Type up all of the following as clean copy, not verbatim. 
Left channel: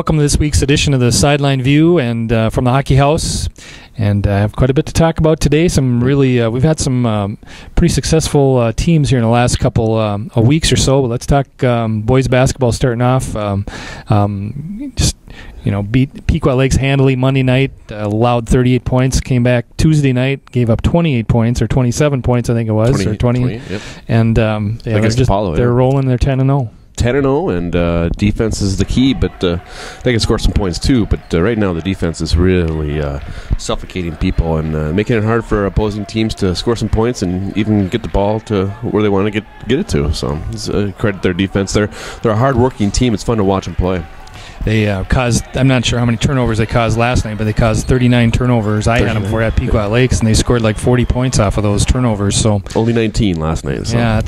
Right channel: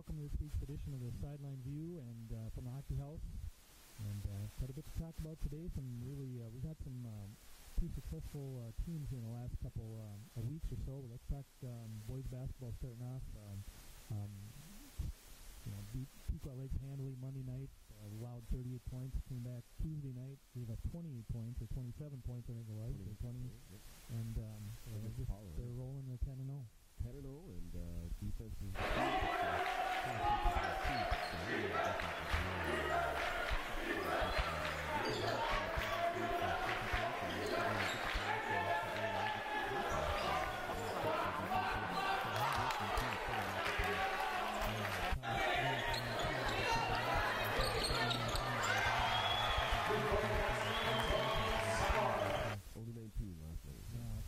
Welcome to this week's edition of the Sideline View and from the Hockey House. And I have quite a bit to talk about today. We've had some pretty successful teams here in the last couple of weeks or so. But let's talk boys basketball starting off. Beat Pequot Lakes handily Monday night, allowed 38 points, came back Tuesday night, gave up 28 points, or 27 points, I think it was. 20, yep. And they're rolling, they're 10-0. 10-0, and defense is the key, but they can score some points too. But right now the defense is really suffocating people and making it hard for opposing teams to score some points and even get the ball to where they want to get it to. So credit their defense. They're a hard-working team. It's fun to watch them play. They caused, I'm not sure how many turnovers they caused last night, but they caused 39 turnovers. I had them for at Pequot Lakes, and they scored like 40 points off of those turnovers. So only 19 last night. So. Yeah,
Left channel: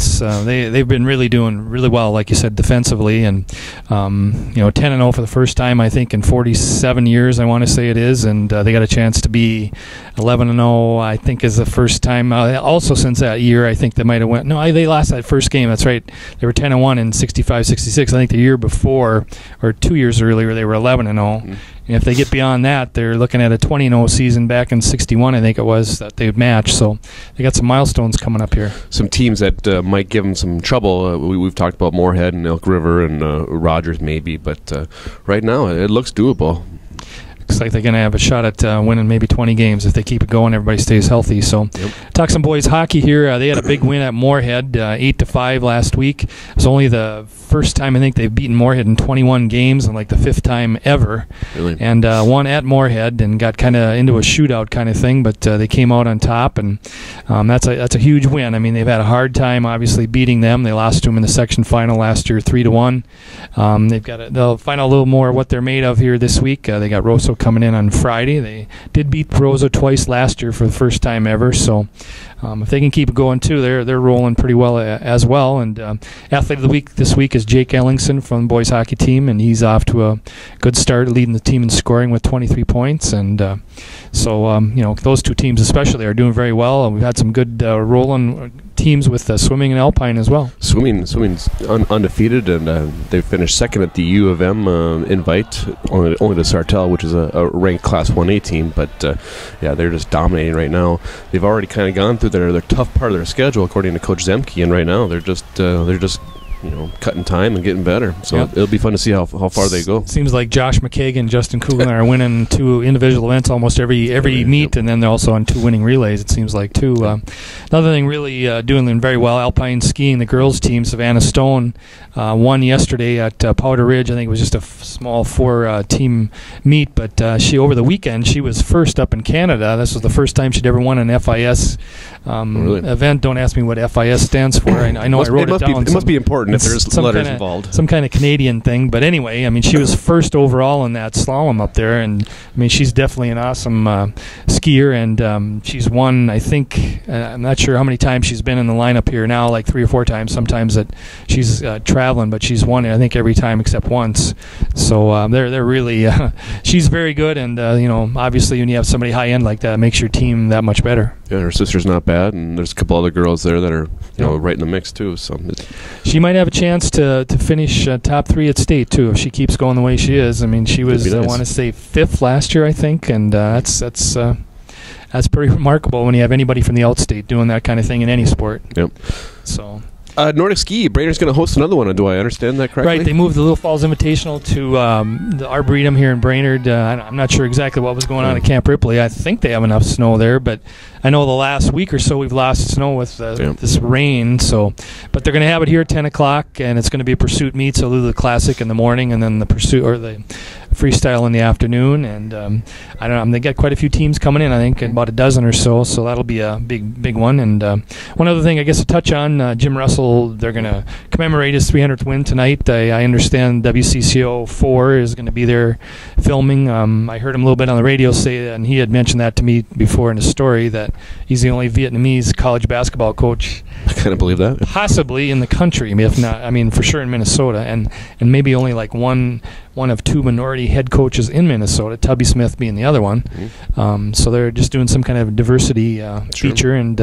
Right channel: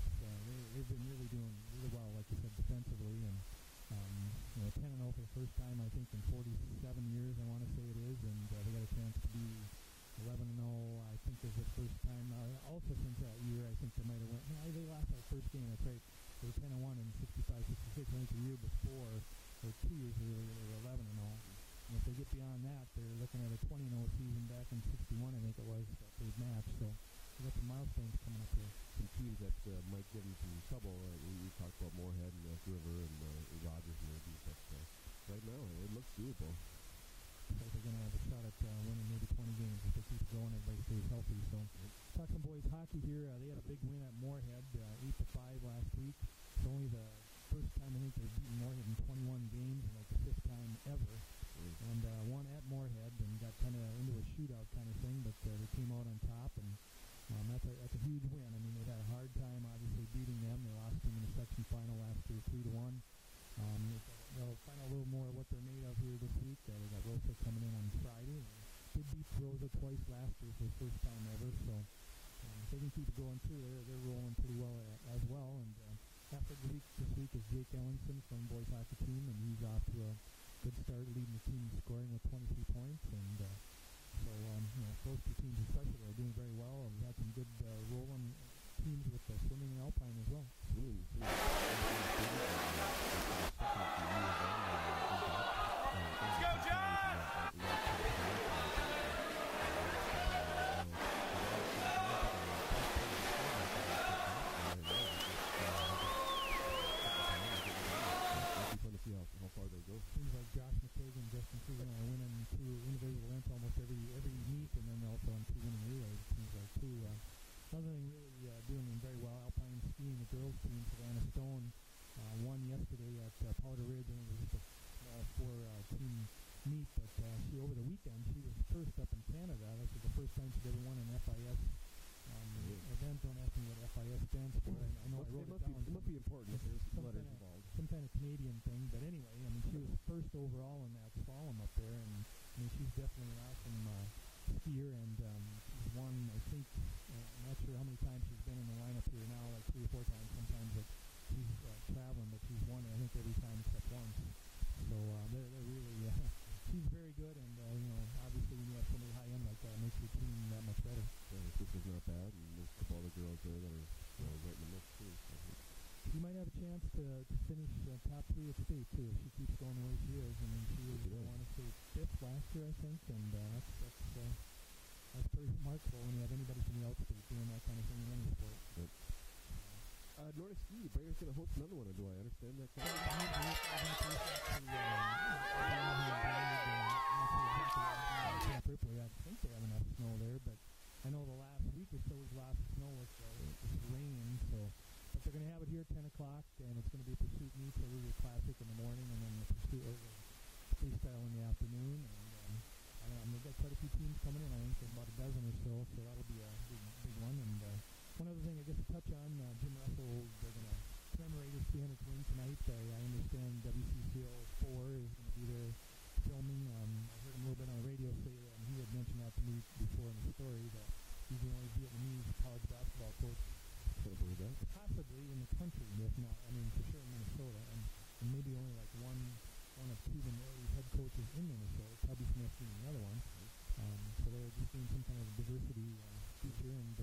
they've been really doing really well, like you said, defensively, and 10-0 for the first time I think in 47 years, I want to say it is, and they got a chance to be 11-0. I think is the first time. Also since that year, I think they might have went. No, they lost that first game. That's right. They were 10-1 in 65-66. I think the year before, or 2 years earlier, they were 11-0. And if they get beyond that, they're looking at a 20-0 season back in 61, I think it was, that they'd match. So they got some milestones coming up here. Some teams that might give them some trouble. We've talked about Moorhead and Elk River and Rogers maybe, but right now it looks doable. Looks like they're going to have a shot at winning maybe 20 games if they keep it going. Everybody stays healthy. So, Talk some boys hockey here. They had a big win at Moorhead, 8-5 last week. It's only the first time I think they've beaten Moorhead in 21 games, and like the fifth time ever. Really? And won at Moorhead and got kind of into a shootout kind of thing, but they came out on top, and that's a huge win. I mean, they've had a hard time obviously beating them. They lost to them in the section final last year, 3-1. They'll find out a little more what they're made of here this week. They got Rosso coming in on Friday. They did beat Rosso twice last year for the first time ever, so if they can keep it going too, they're rolling pretty well as well. And athlete of the week this week is Jake Ellingson from the boys hockey team, and he's off to a good start, leading the team in scoring with 23 points. And those two teams especially are doing very well. We've had some good rolling teams with swimming and alpine as well. Swimming's undefeated, and they finished second at the U of M invite, only to Sartell, which is a ranked Class 1A team. But they're just dominating right now. They've already kind of gone through their tough part of their schedule, according to Coach Zemke, and right now they're just cutting time and getting better. So it'll be fun to see how far they go. Seems like Josh McKagan and Justin Kugler are winning 2 individual events almost every meet, and then they're also on 2 winning relays, it seems like, too. Another thing really doing very well, alpine skiing, the girls team, Savannah Stone, won yesterday at Powder Ridge. I think it was just a small 4-team meet, but she over the weekend, she was first up in Canada. This was the first time she'd ever won an FIS event. Don't ask me what FIS stands for. I know I wrote it down. It must be important if there's letters involved. Some kind of Canadian thing. But anyway, I mean, she was first overall in that slalom up there, and I mean, she's definitely an awesome skier, and she's won, I think, I'm not sure how many times she's been in the lineup here now, like 3 or 4 times. Sometimes that she's traveling, but she's won it, I think, every time except once. So they're really she's very good, and obviously when you have somebody high end like that, it makes your team that much better. Yeah, her sister's not bad, and there's a couple other girls there that are right in the mix too. So she might have a chance to finish top 3 at state too if she keeps going the way she is. I mean, she was nice. I want to say 5th last year, I think, and that's pretty remarkable when you have anybody from the outstate doing that kind of thing in any sport. Yep. So. Nordic Ski, Brainerd's going to host another one. Do I understand that correctly? Right, they moved the Little Falls Invitational to the Arboretum here in Brainerd. I'm not sure exactly what was going on at Camp Ripley. I think they have enough snow there, but I know the last week or so we've lost snow with this rain. But they're going to have it here at 10 o'clock, and it's going to be a pursuit meet, so they'll do the classic in the morning, and then the pursuit or the freestyle in the afternoon. And I don't know, they got quite a few teams coming in, I think about a dozen or so that'll be a big one. And one other thing I guess to touch on, Jim Russell, they're going to commemorate his 300th win tonight. I understand WCCO 4 is going to be there filming. I heard him a little bit on the radio say that, and he had mentioned that to me before in a story, that he's the only Vietnamese college basketball coach I kind of believe that. Possibly in the country, if not, I mean, for sure in Minnesota, and maybe only like one of two minority head coaches in Minnesota, Tubby Smith being the other one. Mm-hmm. So they're just doing some kind of diversity feature. And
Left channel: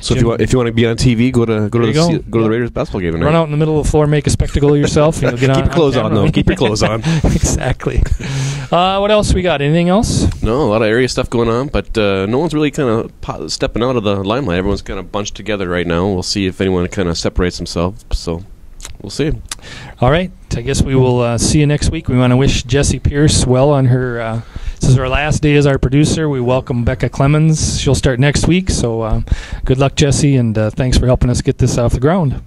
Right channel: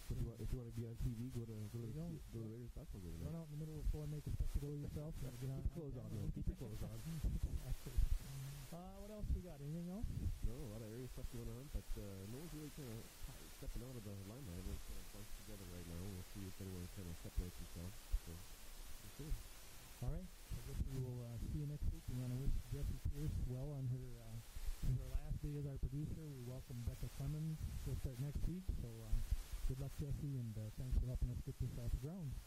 so if you want to be on TV, go to the Raiders basketball game tonight. Run out in the middle of the floor, make a spectacle of yourself. Get Keep your clothes on, though. Keep your clothes on. Exactly. What else we got? Anything else? No, a lot of area stuff going on, but no one's really kind of stepping out of the limelight. Everyone's kind of bunched together right now. We'll see if anyone kind of separates themselves. So we'll see. All right. I guess we will see you next week. We want to wish Jessie Pierce well on her. This is her last day as our producer. We welcome Becca Clemens. She'll start next week. So good luck, Jessie, and thanks for helping us get this off the ground.